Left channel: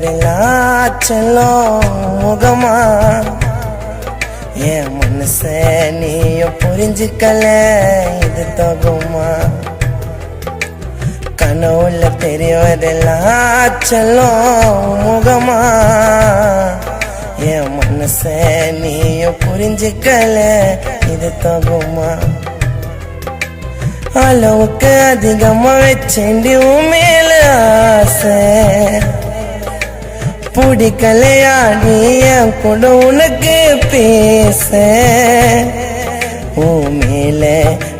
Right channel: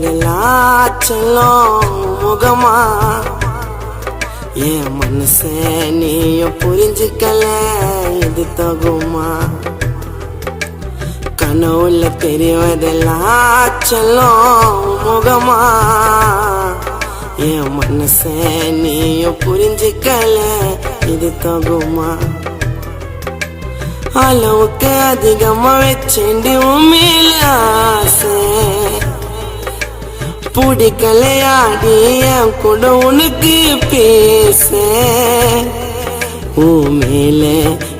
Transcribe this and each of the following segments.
தெரியவதெல்லாம் செல்லும் முகமா என் மனச நீயும் புரிஞ்சுக்கல இது தகுமா கனவுல தெரியவதெல்லாம் செல்லும் முகமா என் மனச நீயும் புரிஞ்சுக்கல இது தகுமா அளவுக்கு அதிகமா வச்சேண்டி உன் மேல ஆசை பிடிக்கலையாடி என் கூட உனக்கு பேச உன் மேல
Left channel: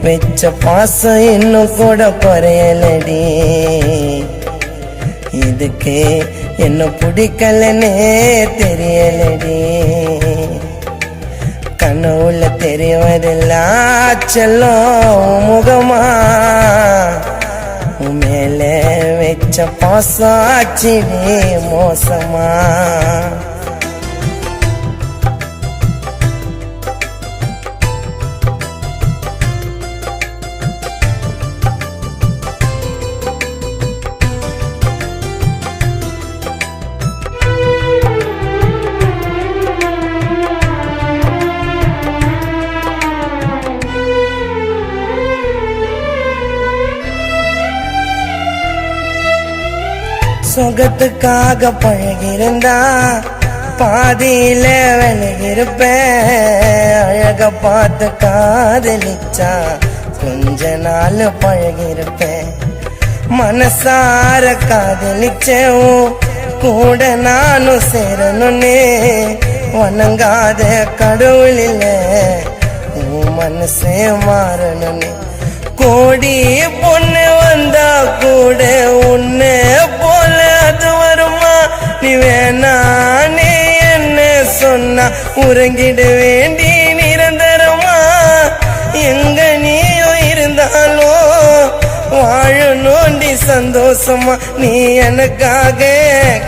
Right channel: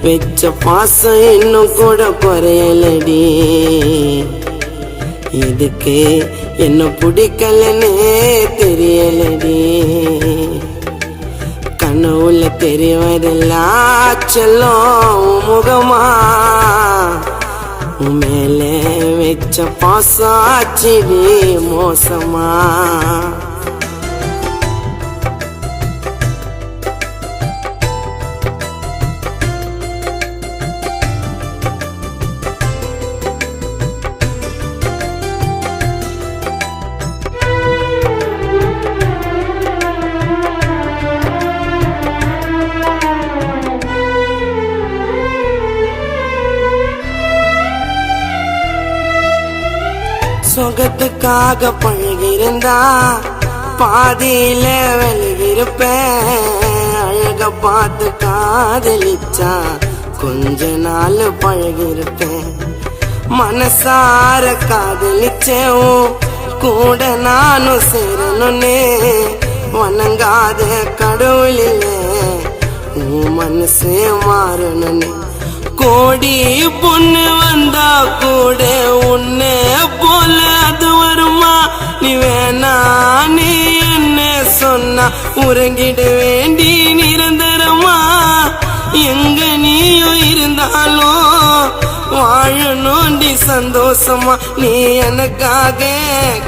வச்ச பாசம் இன்னும் கூட குறையலடி இதுக்கு என்ன பிடிக்கலன்னே தெரியலடி கனவுல தெரியவதெல்லாம் செல்லும் முகமா உன் மேல வச்ச பாசம் ஆச்சிடி மோசமா சொகத்துக்காக பழகிருந்தா பாதியில விலகிருப்பேன் அழக பார்த்து காதலிச்சா கொஞ்ச நாள் பழகிருப்பேன் மனசார காதலிச்சேன் கூட நானும் சேரணும்னே வணங்காத கடவுள் இல்ல உன் மனசே மாறணும்னு கோடி பொண்ணு வந்தா கூட உன்னை போல அது வருமா நீ வேணா நீ என்ன சொன்னா உறங்கிட வேண்டி நிரந்தரமா எங்க நீயும் இருந்தாலும் வாழணும்டி சந்தோஷமா நீ எனக்காக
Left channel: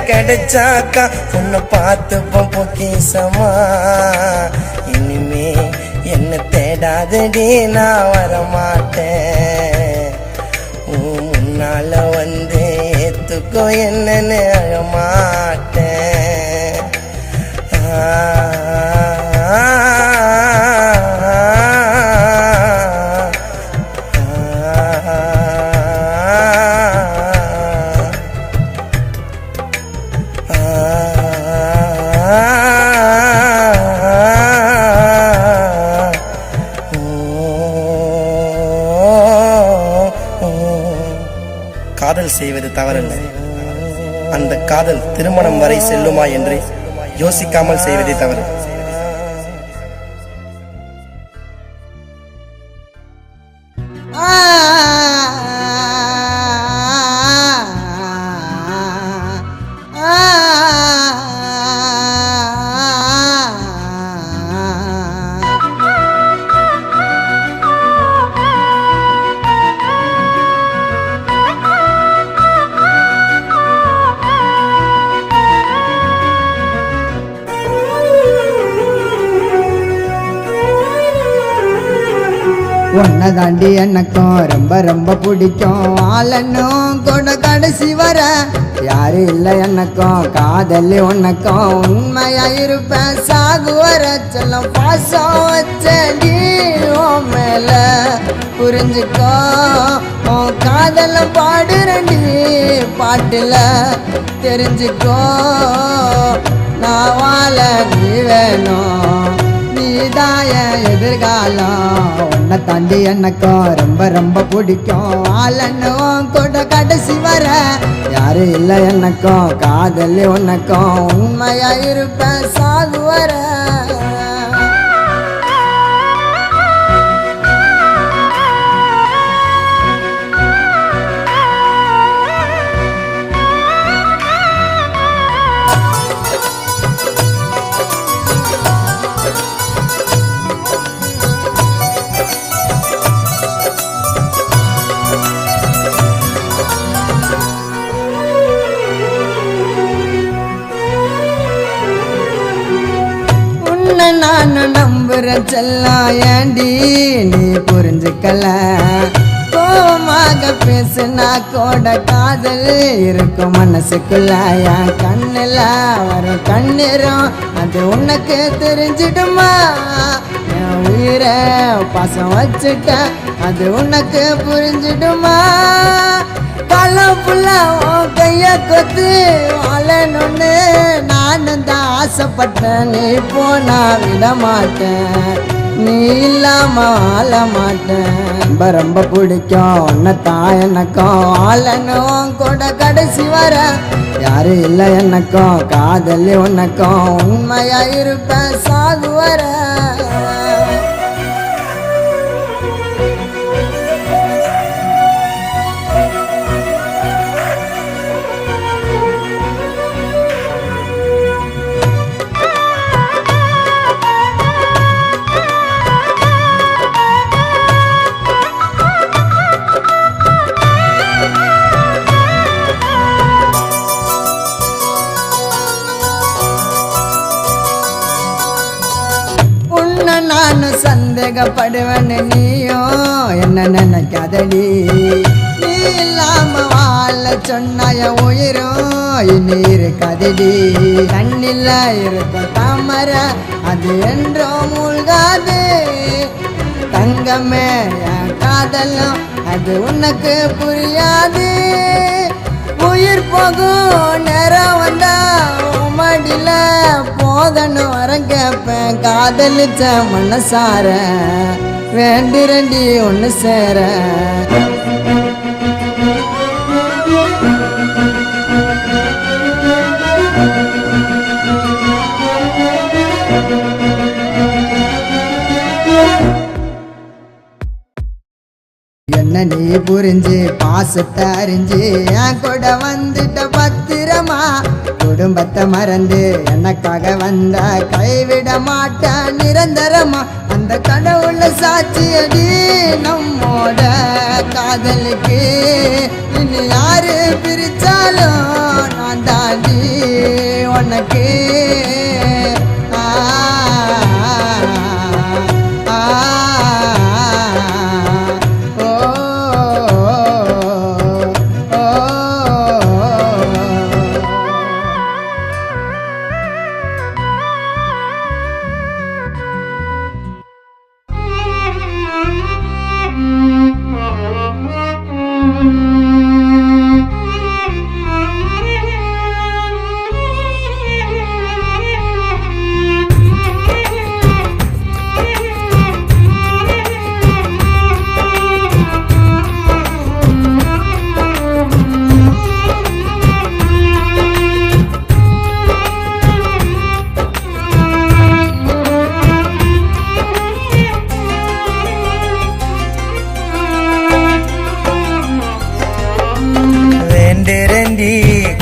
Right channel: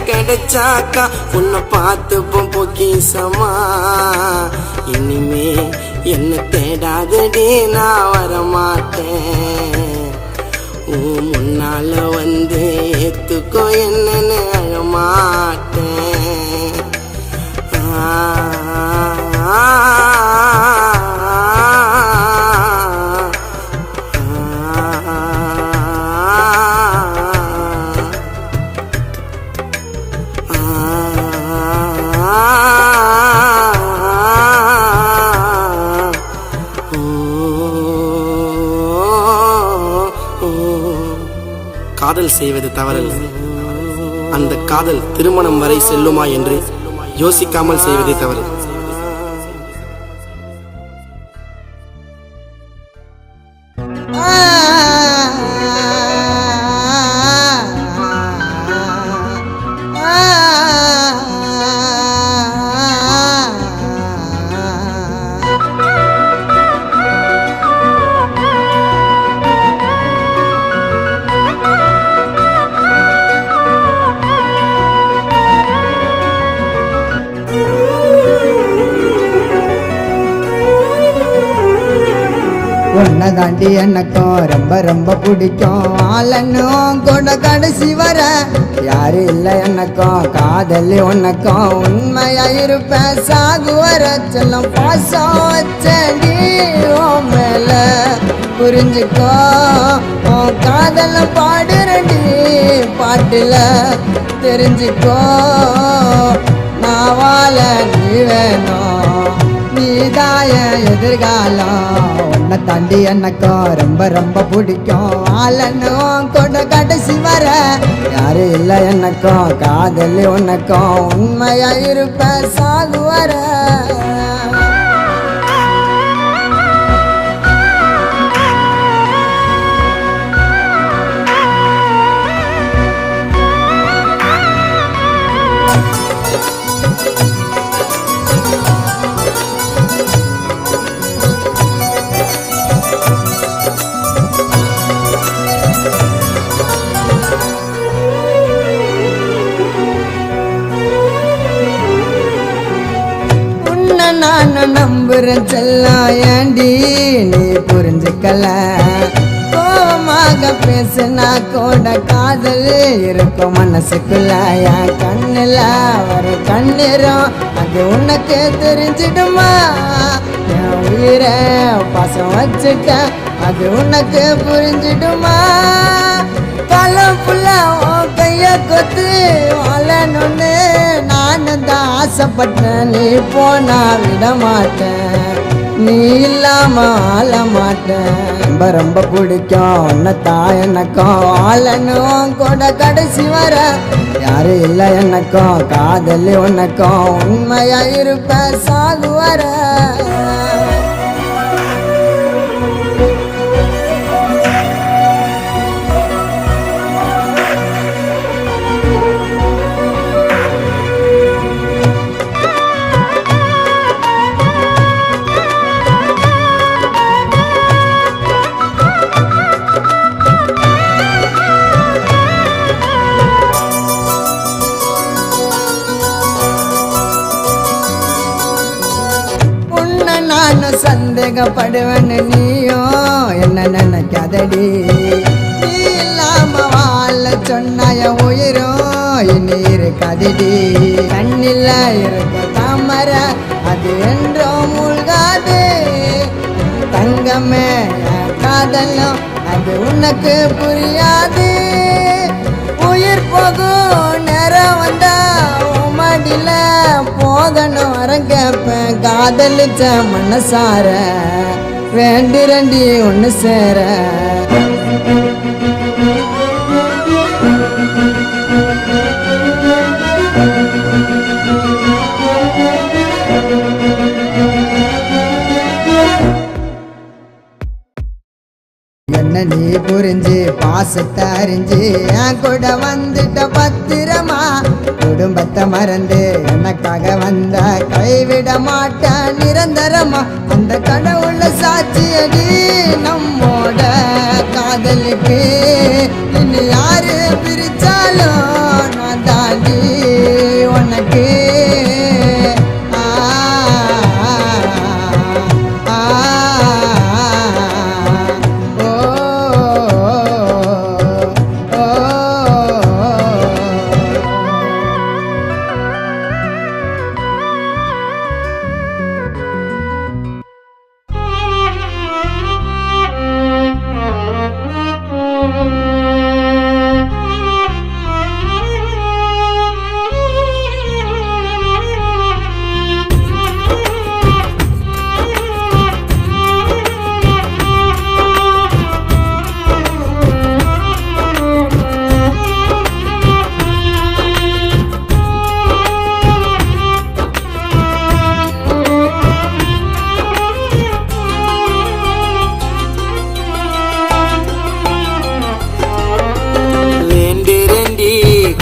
கிடைச்சாக்கா உன்னை பார்த்துப்போம் பொக்கிசமா இனிமே என்ன தேடாதடி நான் வரமாட்டேன் முன்னால வந்து ஏத்துக்கோ என்னன்னு அழமாட்டேன் காதல் செய்வது தவறல்ல அந்த காதல் திருமணம் வரை செல்லுமா என்று யோசிக்காமல் செய்வதே தவறு உன்னை தாண்டி எனக்கும் ரொம்ப ரொம்ப பிடிக்கும் ஆளன்னும் கூட கடைசி வர யாரு இல்லை எனக்கும் காதலி உனக்கும் உண்மையா இருப்பேன் சாகு வர செல்லம் பாசம் வச்சேன்டி உன் மேல புரிஞ்சுக்கோ உன் காதல பாடுறண்டி பாட்டுல தெரிஞ்சுக்கோ நான் வாழ நீ வேணும் நீதாய எதிர்காலம் உன்னை தாண்டி எனக்கும் ரொம்ப ரொம்ப பிடிக்கும் ஆளன்னும் கூட கடைசி வர யாரு இல்லை எனக்கும் காதலி உனக்கும் உண்மையா இருப்பேன் சாகு வர நானும் நம்புறேன் செல்லம் ஏண்டி நீ புரிஞ்சுக்கல கோவமாக பேசுனா கூட காதல் இருக்கும் மனசுக்குள்ள என் கண்ணில் வரும் கண்ணீரும் அது உனக்கு தெரிஞ்சிடுமா என் உயிரை பாசம் வச்சுட்ட அது உனக்கு புரிஞ்சிடுமா காலம் ஃபுல்லா உன் கைய கொத்து வாழணும்னு நானும் தான் ஆசைப்பட்டேன் நீ போனா விட மாட்டேன் நீ இல்லாம வாழ மாட்டேன் ரொம்ப ரொம்ப பிடிக்கும் உன்னைத்தான் எனக்கும் வாழணும் கூட கடைசி வர யாரும் இல்லை எனக்கும் காதலி உனக்கும் உண்மையா இருப்பேன் சாகு வர நானும் சந்தேகப்படுவேன்னு நீயும் என்ன நினைக்காதடி நீ இல்லாம வாழ சொன்னாய உயிரும் இனி இருக்காதடி கண்ணில் இருக்கும் தாமரை அது என்றோ மூழ்காது தங்கமே என் காதலும் அது உனக்கு புரியாது உயிர் போகும் நேரம் வந்தா மடியில போகணும் வரம் கேட்பேன் காதலிச்ச மனசார வேண்டு ரெண்டி ஒன்று சேர என்ன நீ புரிஞ்சு பாசத்தை அறிஞ்சு என் கூட வந்துட்ட பத்திரமா குடும்பத்தை மறந்து எனக்காக வந்த கைவிட மாட்டேன் நிரந்தரமா அந்த கடவுள சாட்சியடி நம்மோட காதலுக்கு இனி யாரு பிரிச்சாலும் நான் தாண்டி உனக்கு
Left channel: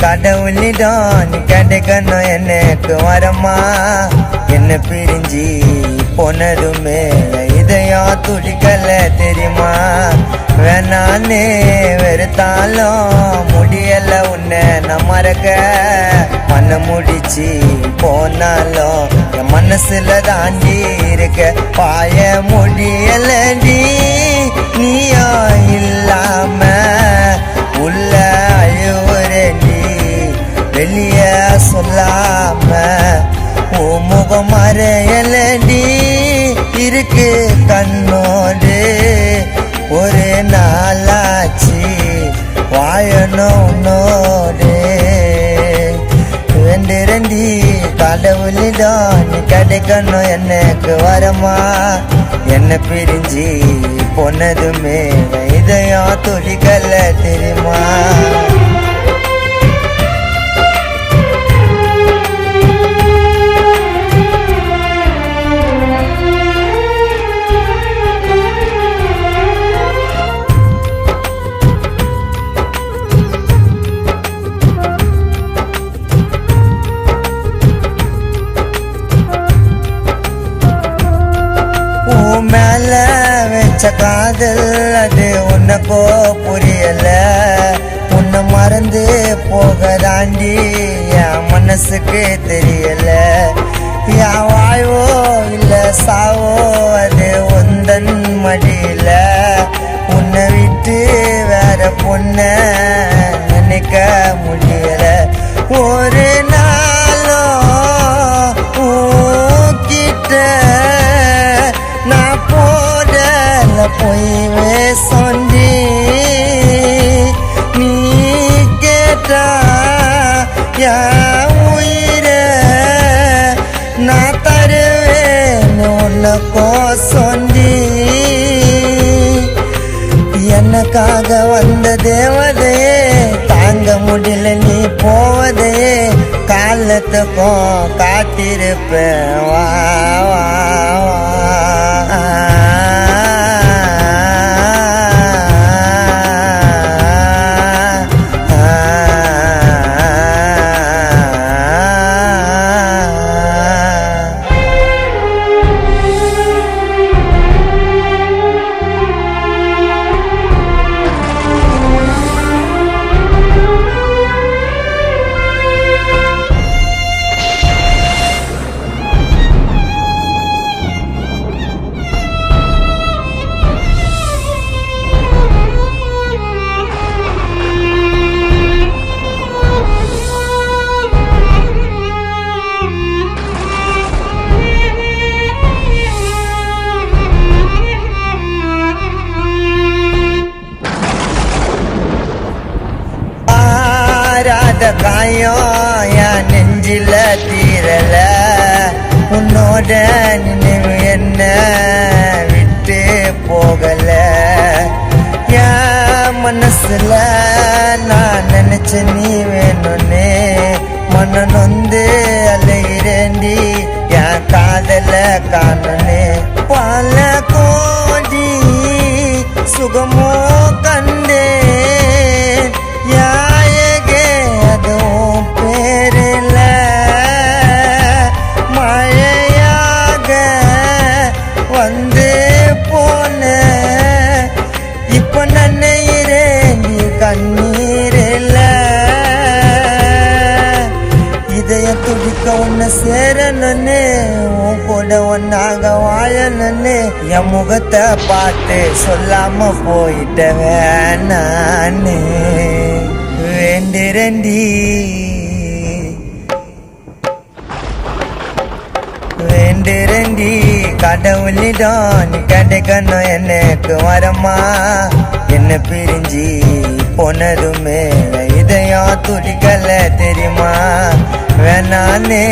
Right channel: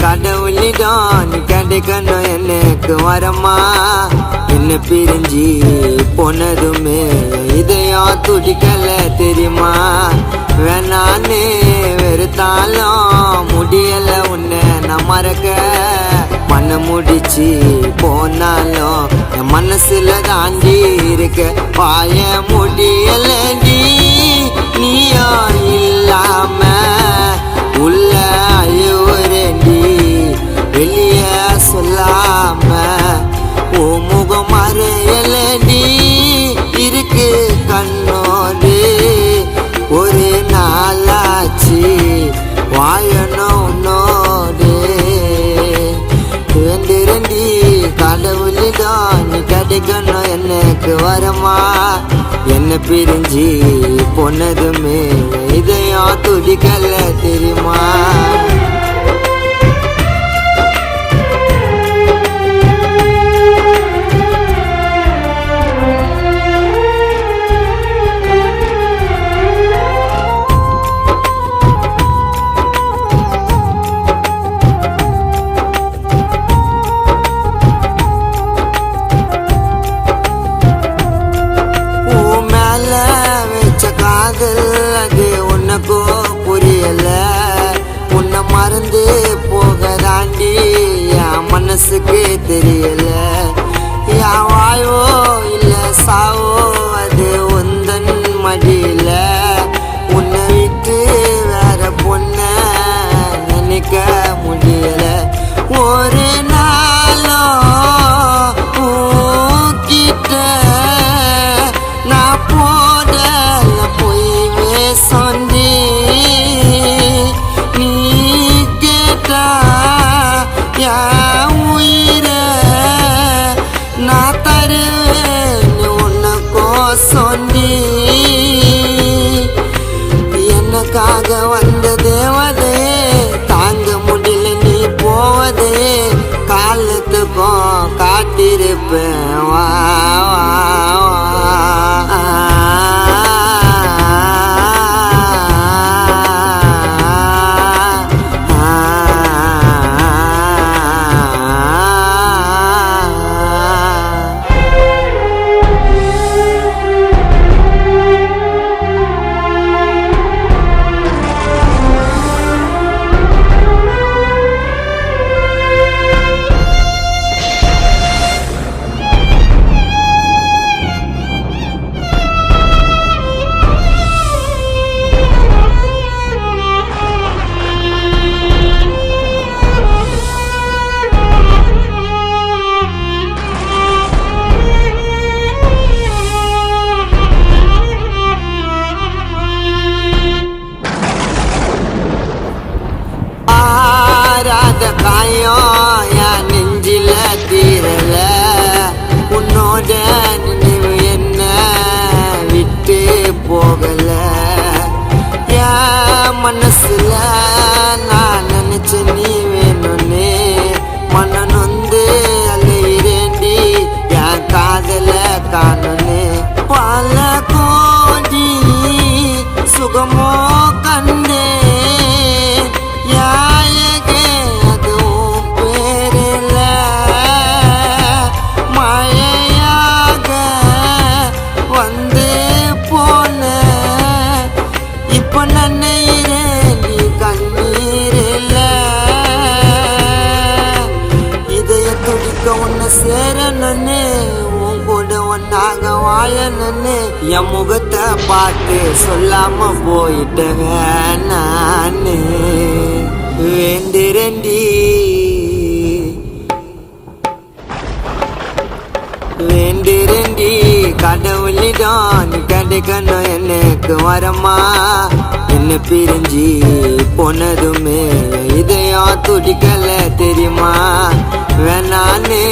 கடவுளிடம் கிடைக்கணும் எனக்கு வரமா என்ன பிரிஞ்சு போனதுமே இதயம் துடிக்கல தெரியுமா வேணான்னு வெறுத்தாலும் முடியல உன்னை நான் மறக்க மண்ண முடிச்சு போனாலும் என் மனசுல தாண்டி இருக்க பாய முடியலடி நீயா இல்லாம உள்ள அழுவுறேண்டி வெளிய சொல்லாம ஓ முகம் மறையலடி இருக்கு கண்ணோடு ஒரு நாளாச்சு வாழணும் உன்னோடு வேண்டிரண்டி கடவுளிடம் நீ கிடைக்கணும் எனக்கு வரமா என்ன பிரிஞ்சு போனதுமே இதயம் துடிக்கல தெரியுமா காதல் அது உனக்கோ புரியல உன்னை மறந்து போக தாண்டி என் மனசுக்கு தெரியல என் வாழ்வோ இல்ல சாவோ அது உந்தன் மடியில உன்னை விட்டு சொந்தி எனக்காக வந்த தேவதையே தாங்க முடியல நீ போவதே காலத்துக்கும் காத்திருப்பேன் வா வா காயம் என் நெஞ்சில தீரல உன்னோட நினைவு என்ன விட்டு போகல என் மனசுல நான் நினைச்ச நீ வேணும்னு மன நொந்து அலையிறேண்டி என் காதல காணனே பல கோடி சுகமோ கண்டே சேரனே உன் கூட ஒன்னாக வாழனே என் முகத்தை பார்த்து சொல்லாம போயிட்டவன் நானே வேண்டிரண்டி வேண்டிரண்டி கடவுளிடம் கிடைக்கணும் எனக்கு வரமா என்ன பிரிஞ்சு போனதுமே இதயம் துடிக்கல தெரியுமா வேணானே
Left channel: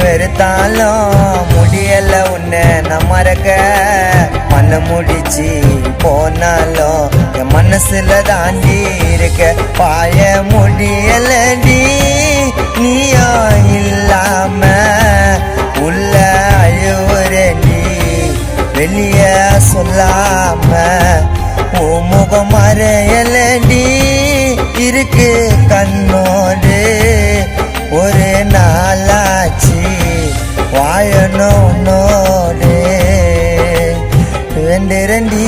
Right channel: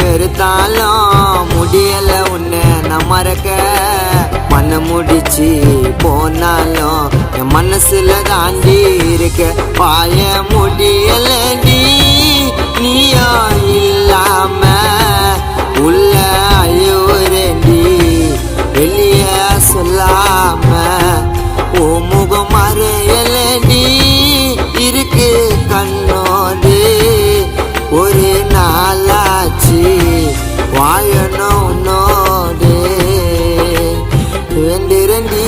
வெறுத்தாலும் முடியல உன்னை நான் மறக்க மண்ண முடிச்சு போனாலும் என் மனசுல தாண்டி இருக்க பாய முடியலடி நீயோ இல்லாம உள்ள அழுவுறேண்டி வெளிய சொல்லாம ஓ முகம் மறையலடி இருக்கு கண்ணோடு ஒரு நாளாச்சு வாழணும் உன்னோடு வேண்டிரண்டி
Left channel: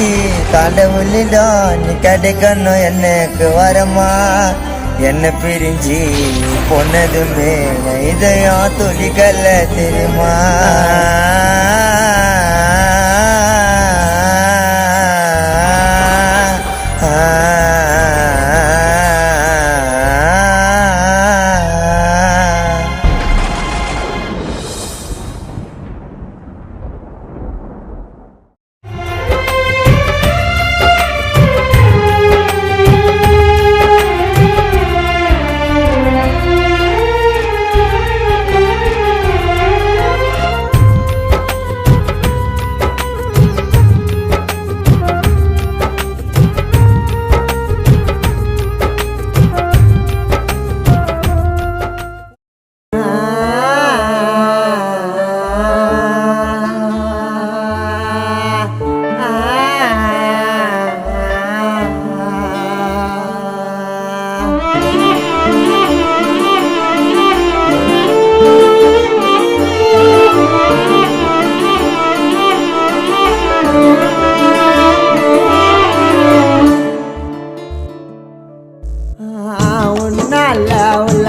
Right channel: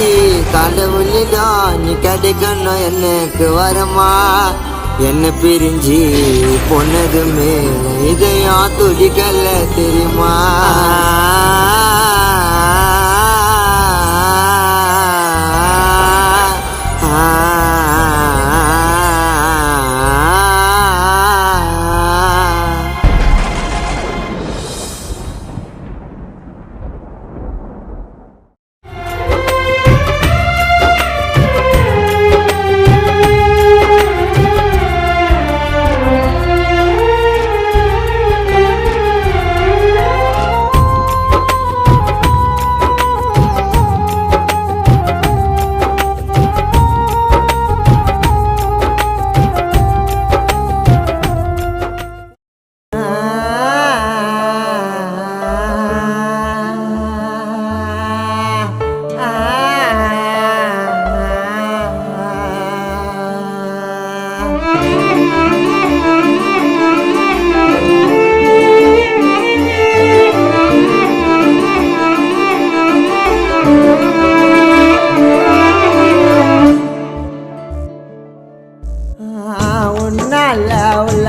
கடவுளிடம் நீ கிடைக்கணும் எனக்கு வரமா என்ன பிரிஞ்சு பொன்னதுமே இதயம் துடிக்கல தெரியுமா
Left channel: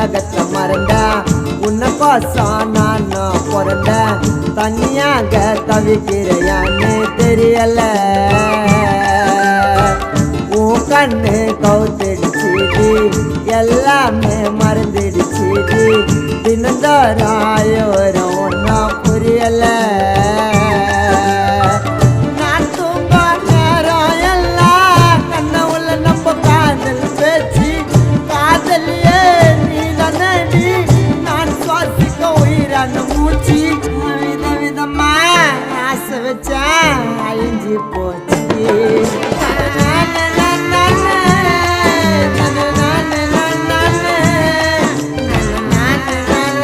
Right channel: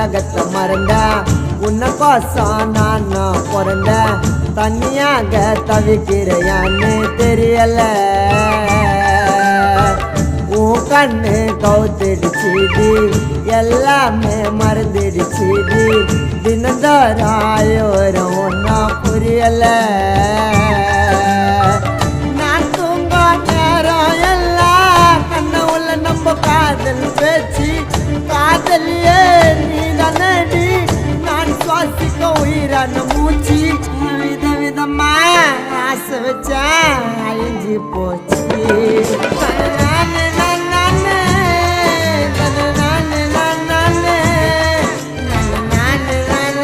உலகத்தை மறந்த உன்னை கோசம் நான் பிறந்த தனியாக தவிக்கிறையான்னு தெரியல உன் கண்ணு கவுத்திடுச்சுடி எல்லாமே மறந்துடுச்சுடி தினந்தோறும் ஆயோரம் ஒன்னா புரியல நான் தூங்க நேரம் எல்லாம் கண்ண உள்ள நம்ம காதல் பேச்சு காதலியே நீ தானடி நான் சுவாசிக்க உயிரான மூச்சு விதவிதமா ஆசை வச்சேன் அழிஞ்சு போச்சு நானு நானு நானு நானு நானு நானு நானு நானு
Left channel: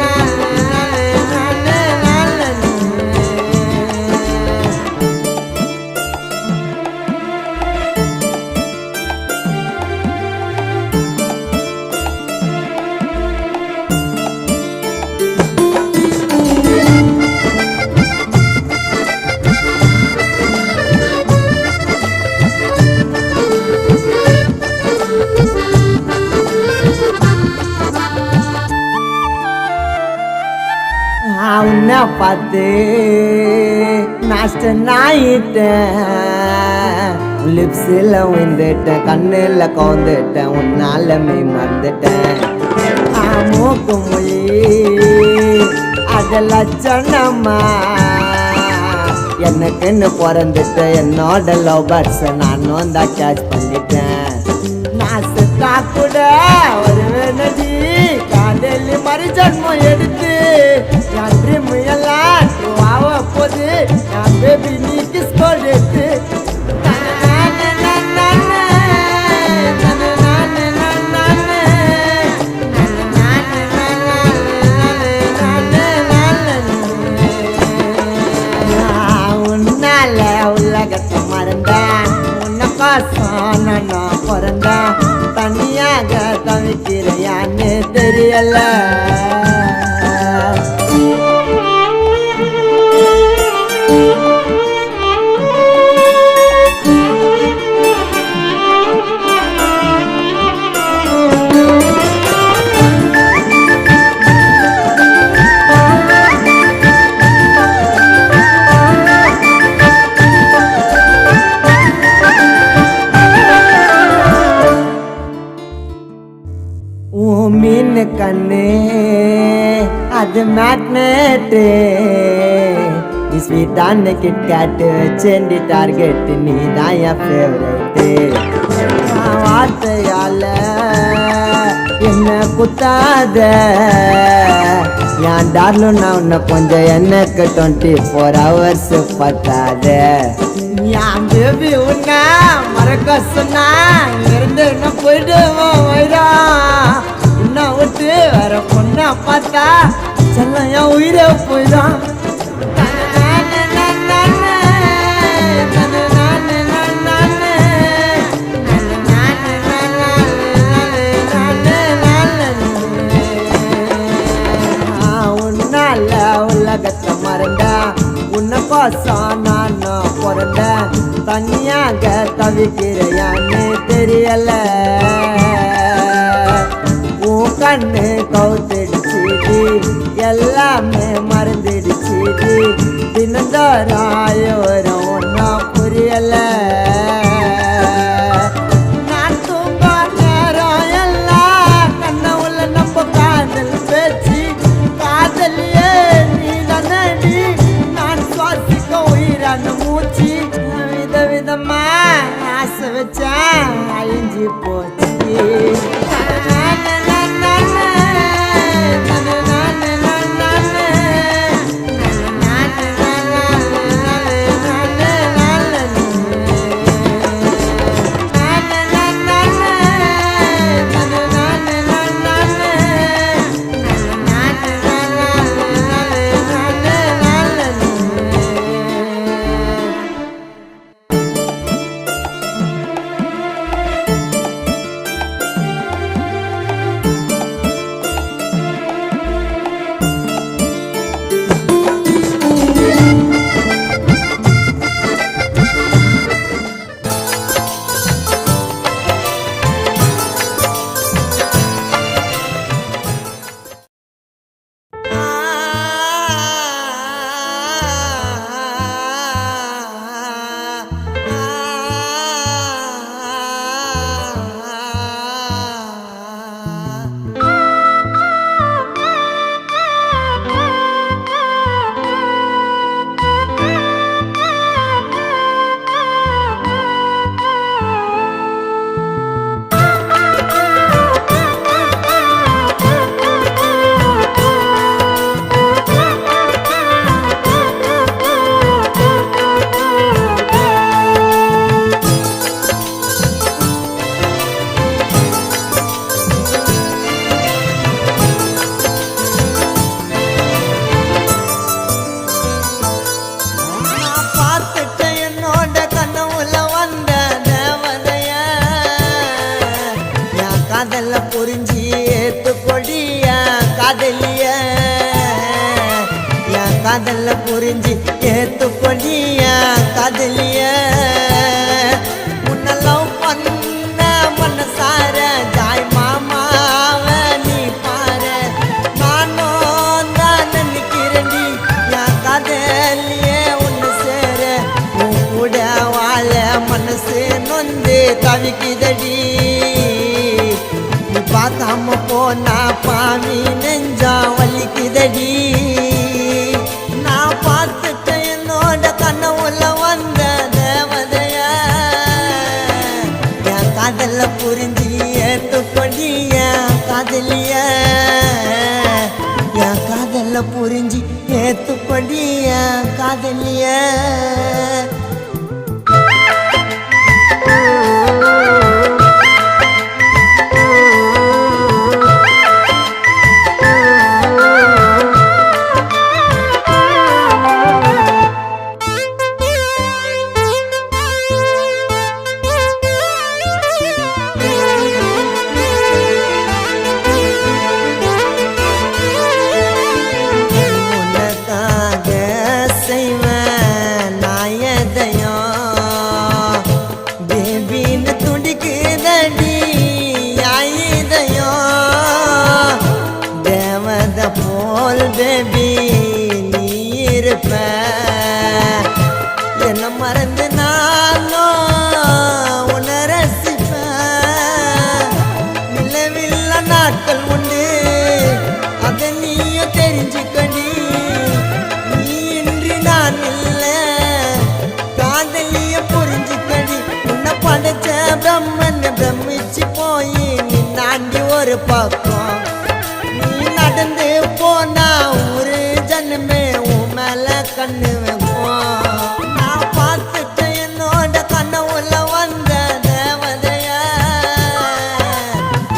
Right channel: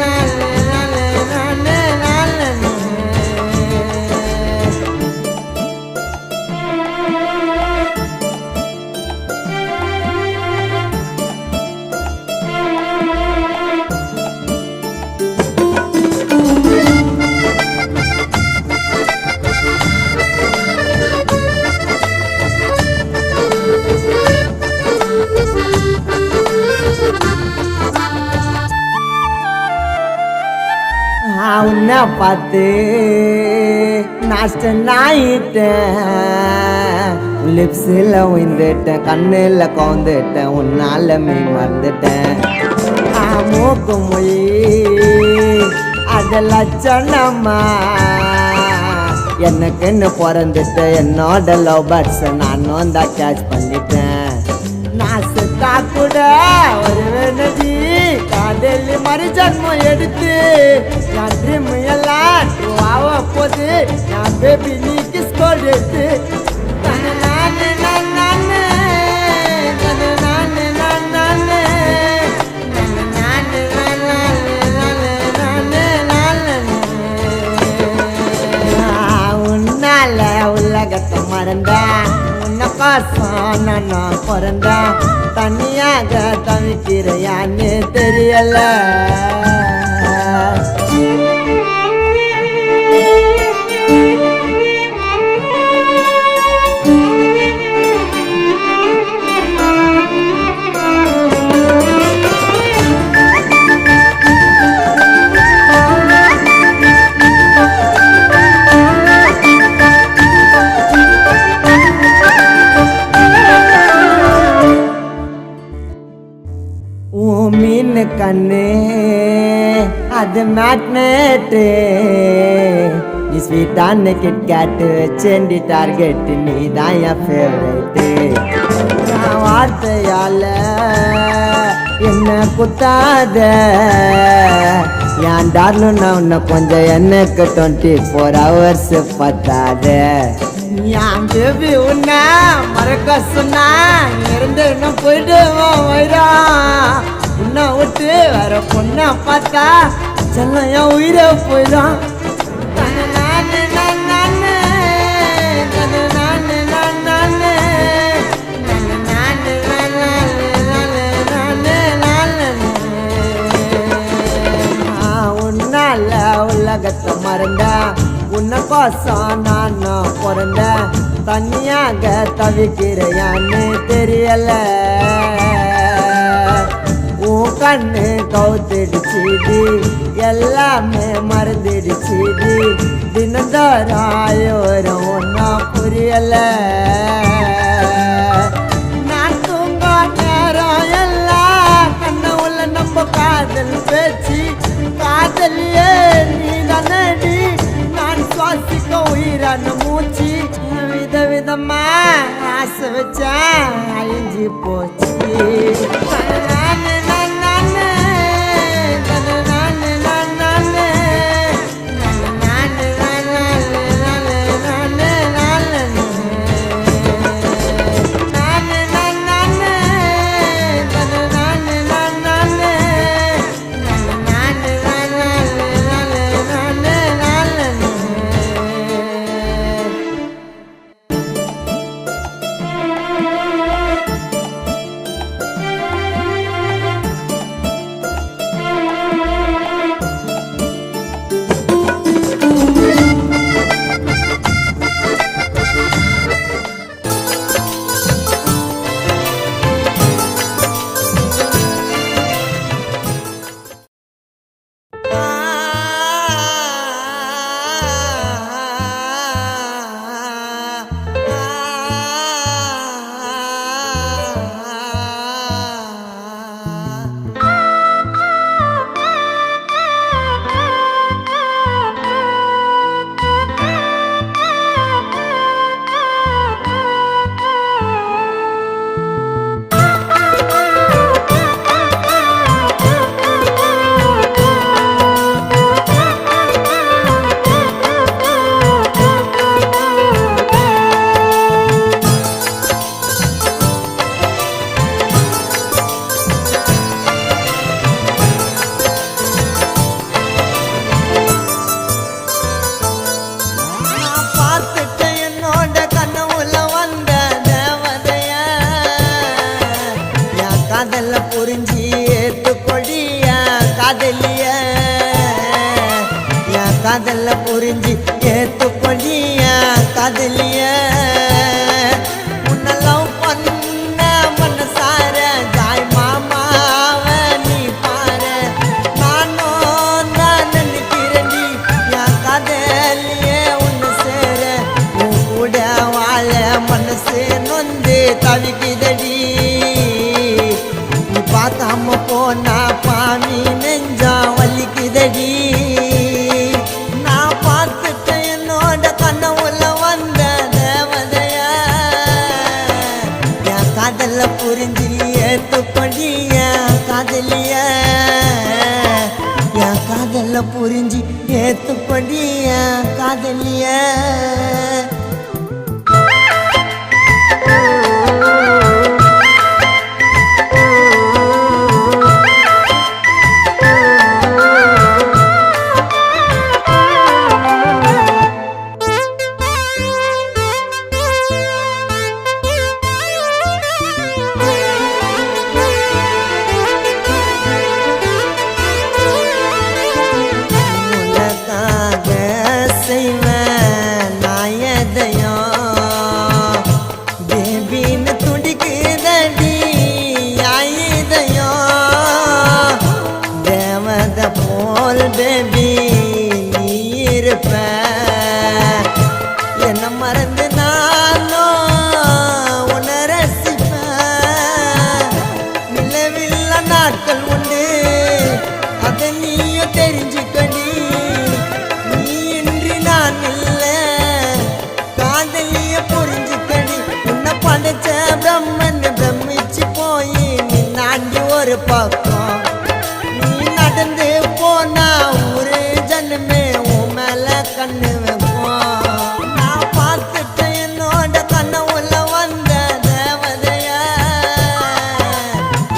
நானு நானு நானு உன்னை பார்த்து நாஷ்டன் ஆயிட்டேன் லிப்ஸில் விழுந்துட்டேன் கண்ணில் கவுந்துட்டேன் உன்னால மெய் மறந்துட்டேன் மூக்கு மொழி அதெல்லாம் சொன்னம்மா எனக்குன்னு பிறந்துட்டு என்னோட லவ் பேர்ட்ஸை நானும் தான் கேட்ச் பண்ணிட்டேன் நான் செத்தா கூட ஒரு நதி காதலி மறு ஜன்மம் எடுத்து என் ட்ரீம் எல்லாம் ட்ரூ ஆக போது என் பேபி நீ கிஸ் கோல் எடுத்து தன நானு நானு நானு தன நானு நானு நானு நானு நானு நானு நானு நானு உன்னால உலகத்தை மறந்தேன் கோசம் நான் பிறந்தேன் தனியாக தவிக்கிறையான்னு தெரியல மீன் கண்ணு அது மேக்னெட்டு நீ ஸ்வீட்டான கிட்கேட்டு வச்சேண்டி டார்கெட்டு நீ தான் என் ஃபேவரேட்டு வார்த்தையால என்ன குத்தாத என் டார்லும் நான் உன்னை கொஞ்சம் எனக்கு 24 hours பத்தாத என் பேபி உன்ன மறக்க சொன்னா இருந்து இன்னும் போயிடுவோம் வயிறான் உன்னை விட்டு வேற பொண்ணை பார்த்தா செல்லம் என் உயிரை போயிடும் தன நானு நானு நானு தன நானு நானு நானு நானு நானு நானு நானு நானு உன்னால உலகத்தை மறந்தா உன்னை கோசம் நானும் பிறந்தேன் தனியாக தவிக்கிறையான்னு தெரியல உன் கண்ணு கவுத்திடுச்சுடி எல்லாமே மறந்துடுச்சுடி தினந்தோறாயோரம் ஒன்றும் புரியல நான் தூங்க நேரம் எல்லாம் கண்ண உள்ள நம்ம காதல் பேச்சு காதலியே நீ தானடி நான் சுவாசிக்க உயிரான மூச்சு விதவிதமா ஆசை வச்சேன் அழிஞ்சு போச்சு நானு நானு நானு நானு நானு நானு நானு நானு நானு நானு நானு காதல்ல புரிஞ்சு ஏத்துக்கொடி என் காதலிய உன்னை லவ் பண்ண மனசார ஜாய் மாமாவ நீ பாரு நானும் தான் நினைக்கிறேன்டி என் காதலிய உன்னை சேர உன் கூட வாழ மனசு நொந்து தவிக்குதடி நீ பார்க்காம போனா பாவி நெஞ்சா வலிக்குதடி நான் பார்த்துட்டேன் என்னோட கனவுல வந்த தேவதைய என் காதல்ல புரிஞ்சு ஏத்துக்கொடி என் காதலிய என் காதல்ல புரிஞ்சு ஏத்துக்கொடி என் காதலிய செய்வேன் நாயதையும் பேபின்னு துடிக்குதடி ஆயுதையும் தேவத போல் பேபி நீ இருப்ப என்ன மறந்து நானும் உன்னை ரசிப்பேன் நிலவில்ல நாட்கள் உண்டு அதை நீயும் தெரிஞ்சுக்கடி காதலிய புரிஞ்சுக்கடி உன்னை படைச்ச பிரம்மன் பிரமிச்சு போய் நீ நாண்டி ஒரு பக்கம் நீ நடந்து போனா ஒரு ஜனமே உன் மேல கண்ணு வைப்போம் நான் பார்த்துட்டேன் என்னோட கனவுல வந்த தேவதைய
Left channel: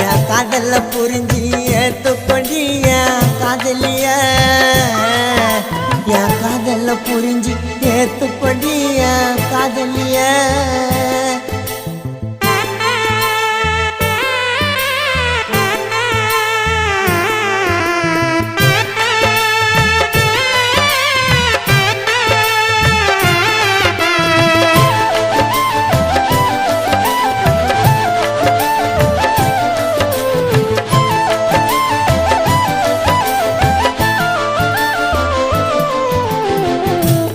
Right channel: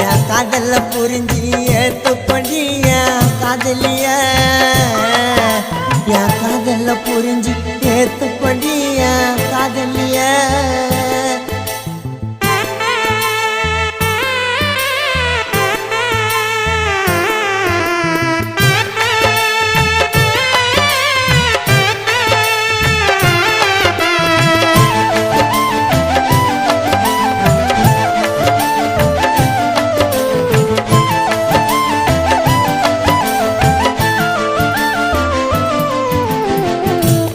என் காதல புரிஞ்சு ஏத்துக்கொடி என் காதலிய என் காதல்ல புரிஞ்சு ஏத்துக்கொடி என் காதலிய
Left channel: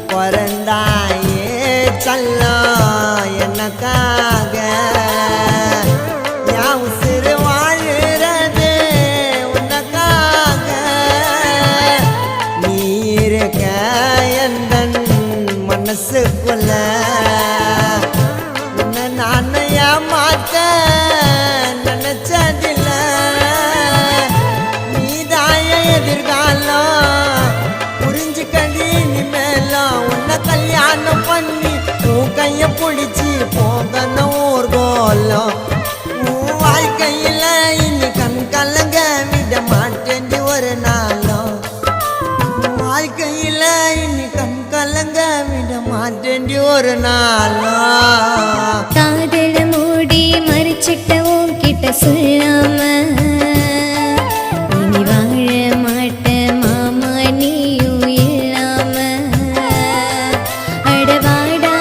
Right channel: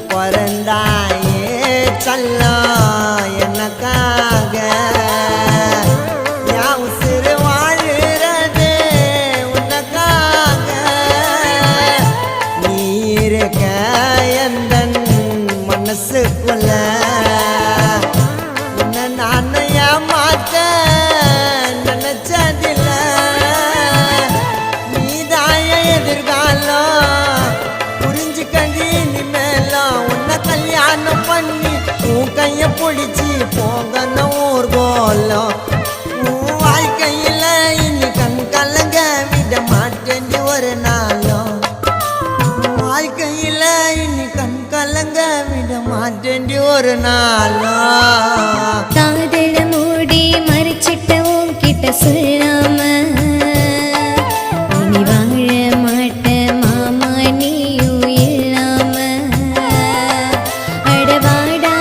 பிறந்தாயே செல்லம் எனக்காக என் உசுறு வாழுறது உனக்காக நீ இருக்க எந்தன் மனசுக்குள்ள உன்னை நான் ஏமாத்த நினைச்சதில்ல நீதாய எதிர்காலம் புரிஞ்சுக்கடி இனிமேலாம் உன்னை கல்யாணம் பண்ணி உன் கைய பிடிச்சி போகணும் ஊர்கோலம் உன் வாழ்க்கையில இனி கண் கலங்க விட மாட்டேன் ஒரு நாளும் வாழ்க்கையில இனி கண் கலங்க விட மாட்டேன் ஒரு நாளும் காதல மூடி மறைச்சிட்ட உன்கிட்ட சொல்லாம இனி வாழ மாட்ட மாமா நீயும் இல்லாம அடவாடா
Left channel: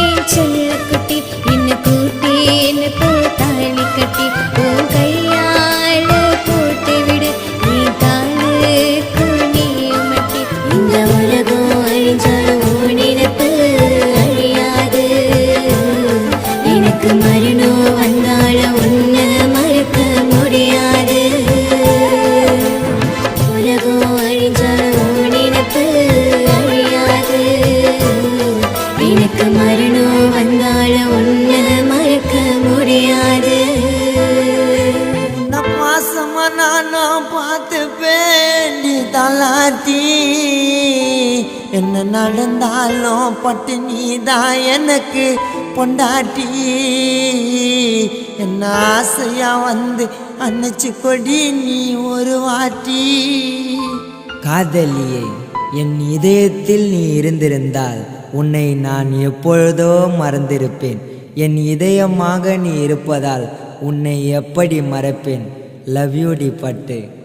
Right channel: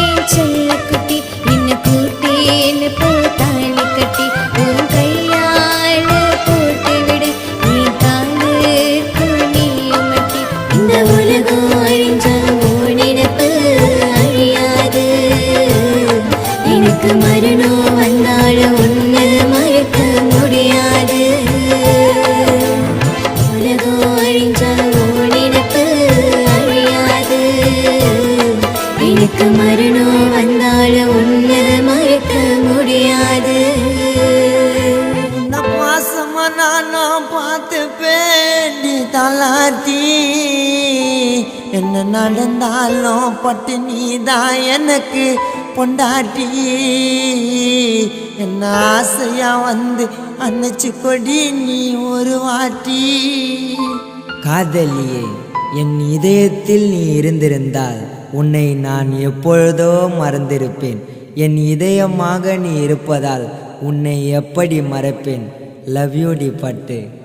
என் செல்ல குட்டி இன்னும் கூட்டின்னு போத்தாலி கட்டி உன் கையால போட்டு விடு நீ காலுக்கு நீயும் மட்டி இந்த உலகம் அழிஞ்சாலும் உன் நினைப்பு அழியாது எனக்கு மரணம் வந்தாலும் உன்னை மறக்க முடியாது உலகம் அழிஞ்சாலும் உன் நினைப்பு அழியாது எனக்கு மரணம் வந்தாலும் உன்னை மறக்க முடியாது உன்னை பாசமா நானும் பார்த்து பேண்டி தலாத்தி என்ன நடந்தாலும் பட்டு நீதான் எனக்கு பொண்டாட்டி என்ன ஆசையா வந்து அணைச்சு கொடி நீ ஒரு வாட்டி காதலியே என் இதயத்தில் நீ இருந்திருந்தால் உன்னை நான் எப்பொழுதோ மறந்திருப்பேன் என் இதயமாக நீ இருப்பதால் உன்னை எப்படி மறப்பேன் லவ் யூ டி பட்டு